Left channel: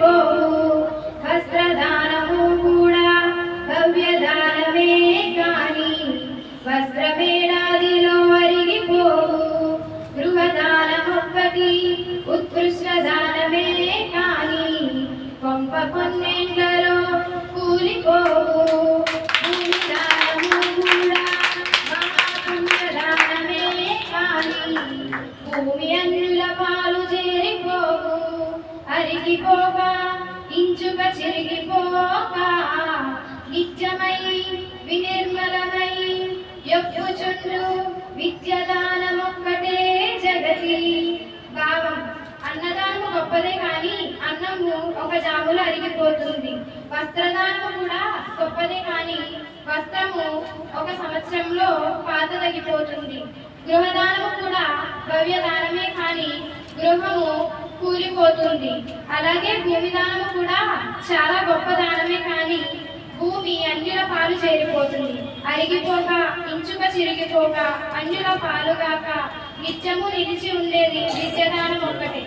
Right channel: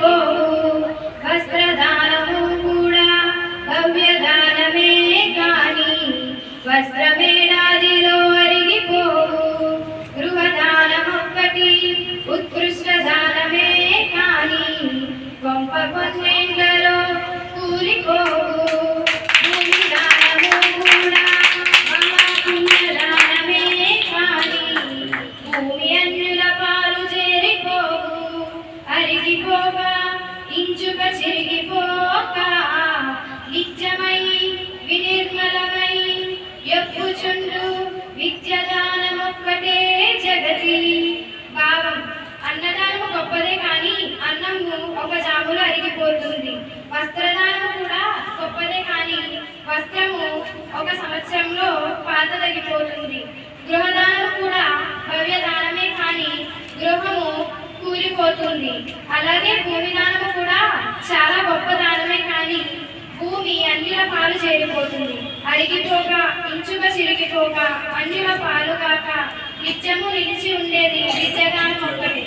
పోవు వస్త్రదానము కూడా భవ్యదానమే కాని వస్త్రమేడాదిలో అరిగిపోవు. గృహదానమొక్కటి ఉత్కృష్ట దానమే కాని కొంప కొన్నేళ్ళలో కూలిపోవు. భూమి కూడా మహాపుణ్యదానమే కాని భూమి అన్యుల పాలు చేరిపోవు అరిగిపోక ఇంచుక చెరిగిపోక నిత్యమై వినిర్మలమై యొప్పుచుండు విద్యదానమొక్కటే జగతి. భావం అన్నదానము గొప్పదే కానీ అన్నము ఒక జాములో అరిగిపోతుంది. వస్త్రదానము కూడా గొప్పదే కానీ వస్త్రము ఒక సంవత్సరంలో పాత తగ్గిపోతుంది గృహదానము కూడా భవ్యదానమే కానీ గృహము పోతుంది. అలాగే భూమి దానము కూడా చాలా గొప్ప దానమే కానీ భూమి అన్యుల పాలు చేరిపోతుంది. అరిగిపోక ఇంచుక చిరిగిపోక అన్యుల పాలు కాక నిత్యము నిలిచి ఉండేది విద్యదానం ఒక్కటే.